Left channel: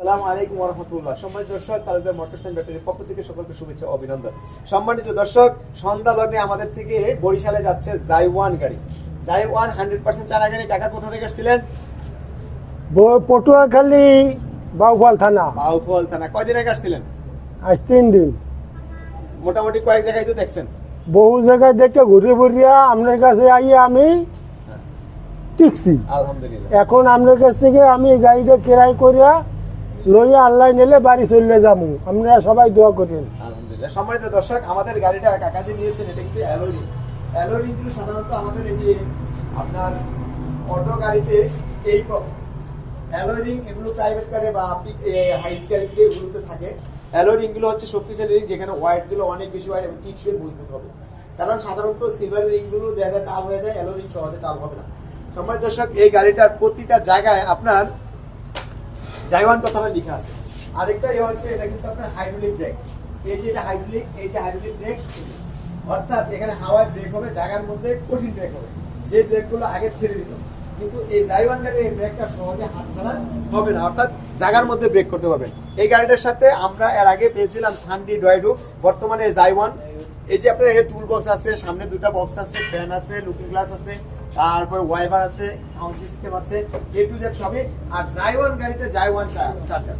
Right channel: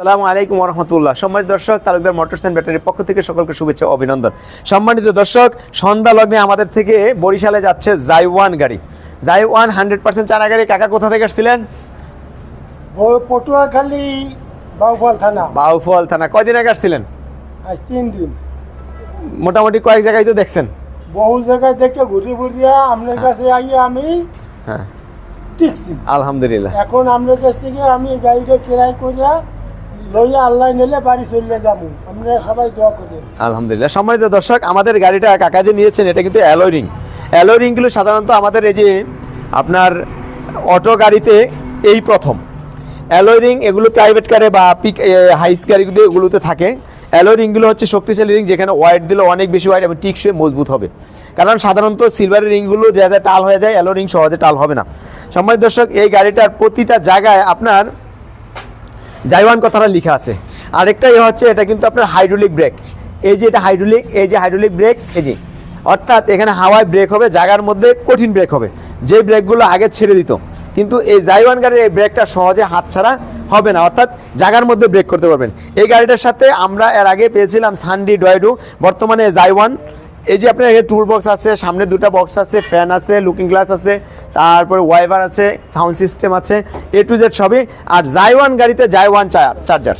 আসসালামু আলাইকুম রহমতুল্লাহ সম্মানিত দর্শক তালুকদার মোটরস অ্যান্ড ব্যাটারির পক্ষ থেকে সকলকে শুভেচ্ছা অভিনন্দন। সম্মানিত দর্শক সন্ধ্যা লগ্নে আমাদের থেকে বরিশালে যাচ্ছে জাইওয়ান গাড়ি। জাইওয়ান হান্ড্রেড পার্সেন্ট চানা গাড়ি কাকা কোথা থেকে এসেছিলেন ব- পটুয়াখালী বাউফল থানা। বাউফল থানা। কয়দিন আগে আসছিলেন? আজ তিন দিন। মোটামুটি কয়েক জায়গায় তো দেখছেন। বহু জায়গায় দেখে ঘুরে ঘুরিয়া আপনার কাছে আইয়ে আমি হ্যাঁ। টিকছি। আলহামদুলিল্লাহ। এখন আপনার কাছ থেকে আমি এই গাড়িটা কেরাই করিয়া লইয়া বাড়ি যাব। সবাই আলহামদুলিল্লাহ। দর্শক, আমাদের গাড়িটা নিয়েছেন, এটা কিন্তু রিং রিংগুলো সাধারণত আমাদের এই যে আপনার অটো গাড়িতে এই প্রথম। রিং এগুলো প্রাইভেট বা পিক এগুলোতে থাকে। রিংগুলো হচ্ছে শক্তিশালী রিং যেখানে ওয়াইট দিলে অনেক বেশি ওয়াইড এবং টিকসই মজবুত হবে। কারণ সাধারণত সিলভারের রিংগুলো যায় টাল হয়ে যায় অ্যালো রিং সহজে টাল হবে না। সম্মানিত দর্শক, এই গাড়িটার প্রতিটা জায়গায় আপনার জাইওয়ান কথাটা লেখা আছে। আরেকটা ইয়ে হচ্ছে, এটা কিন্তু আপনার হাইড্রোলিক ব্রেক এই যে এটা হাইড্রোলিক এই যে হাইড্রোলিক ব্রেক এই যে। অর্থাৎ এখানে হাওয়ায় ব্রেক হবে, জায়গার মধ্যে কঠিন ব্রেক হবে। যে ব্রেকগুলো আগে ছেড়ে দিত। কিন্তু এই জাইওয়ান গাড়ির এই ব্রেকটা সহজে হাত ছাড়া হবে না। অর্থাৎ জায়গার মধ্যে ব্রেক করতে পারবেন। এই গাড়িটার সাথে আমরা এর আগে পেয়েছিলাম সানডি ডয়েডু বর্তমানে জাইওয়ান এই যে আপনার টুল বক্স আছে, সামনে দুটো বক্স আছে ফ্যান আছে লুকিং গ্লাস আছে, তারপরে ওয়াইভার আছে সাউন্ড সিস্টেম আছে এ টু জেড সবই। আর জাইওয়ান গাড়িতে জাইওয়ান চার্জার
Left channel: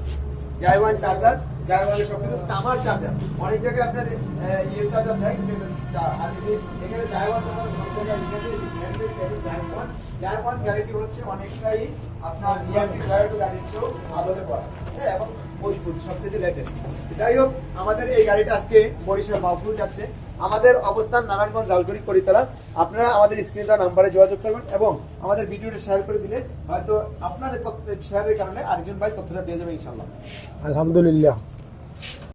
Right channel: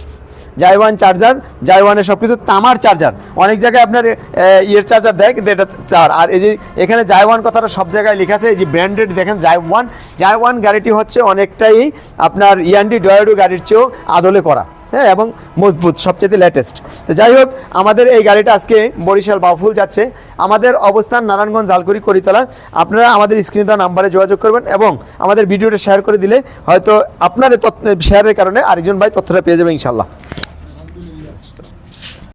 জাইওয়ান চার্জার জাইওয়ানের সব কিছু তামার চার্জার অনেক জায়গায় আপনার ইয়ের চার্জার দেয়, কিন্তু এটা চার আর এই যে এখানে জাইওয়ান কথাটা সব জায়গায় লেখা আছে, এই যে ব্র্যান্ডেড দেখেন জাইওয়ান জাইওয়ান গাড়িটি হচ্ছে অনেকটাই আপনার ইয়ান্ডি ডয়েডো গাড়ির চেয়েও আদলে করা। হ্যাঁ এবং মজবুত, সবচেয়ে লেটেস্ট তো যাই হোক, আমাদের এই গাড়িটা আজকে বরিশাল বাফুল যাচ্ছে। আমাদের অবস্থান নারায়ণগঞ্জ জালকুড়ি করিতলা। আপনারা আমাদের স্ক্রিনে দেওয়া নাম্বারে যোগাযোগ করবেন এবং আমাদের ভিডিওটা শেয়ার করে দিলে হয়তো আপনার শেয়ারের কারণে আরেকজন ভাই তথ্যটা পেয়ে যাবে ইনশাল্লাহ আলহামদুলিল্লাহ।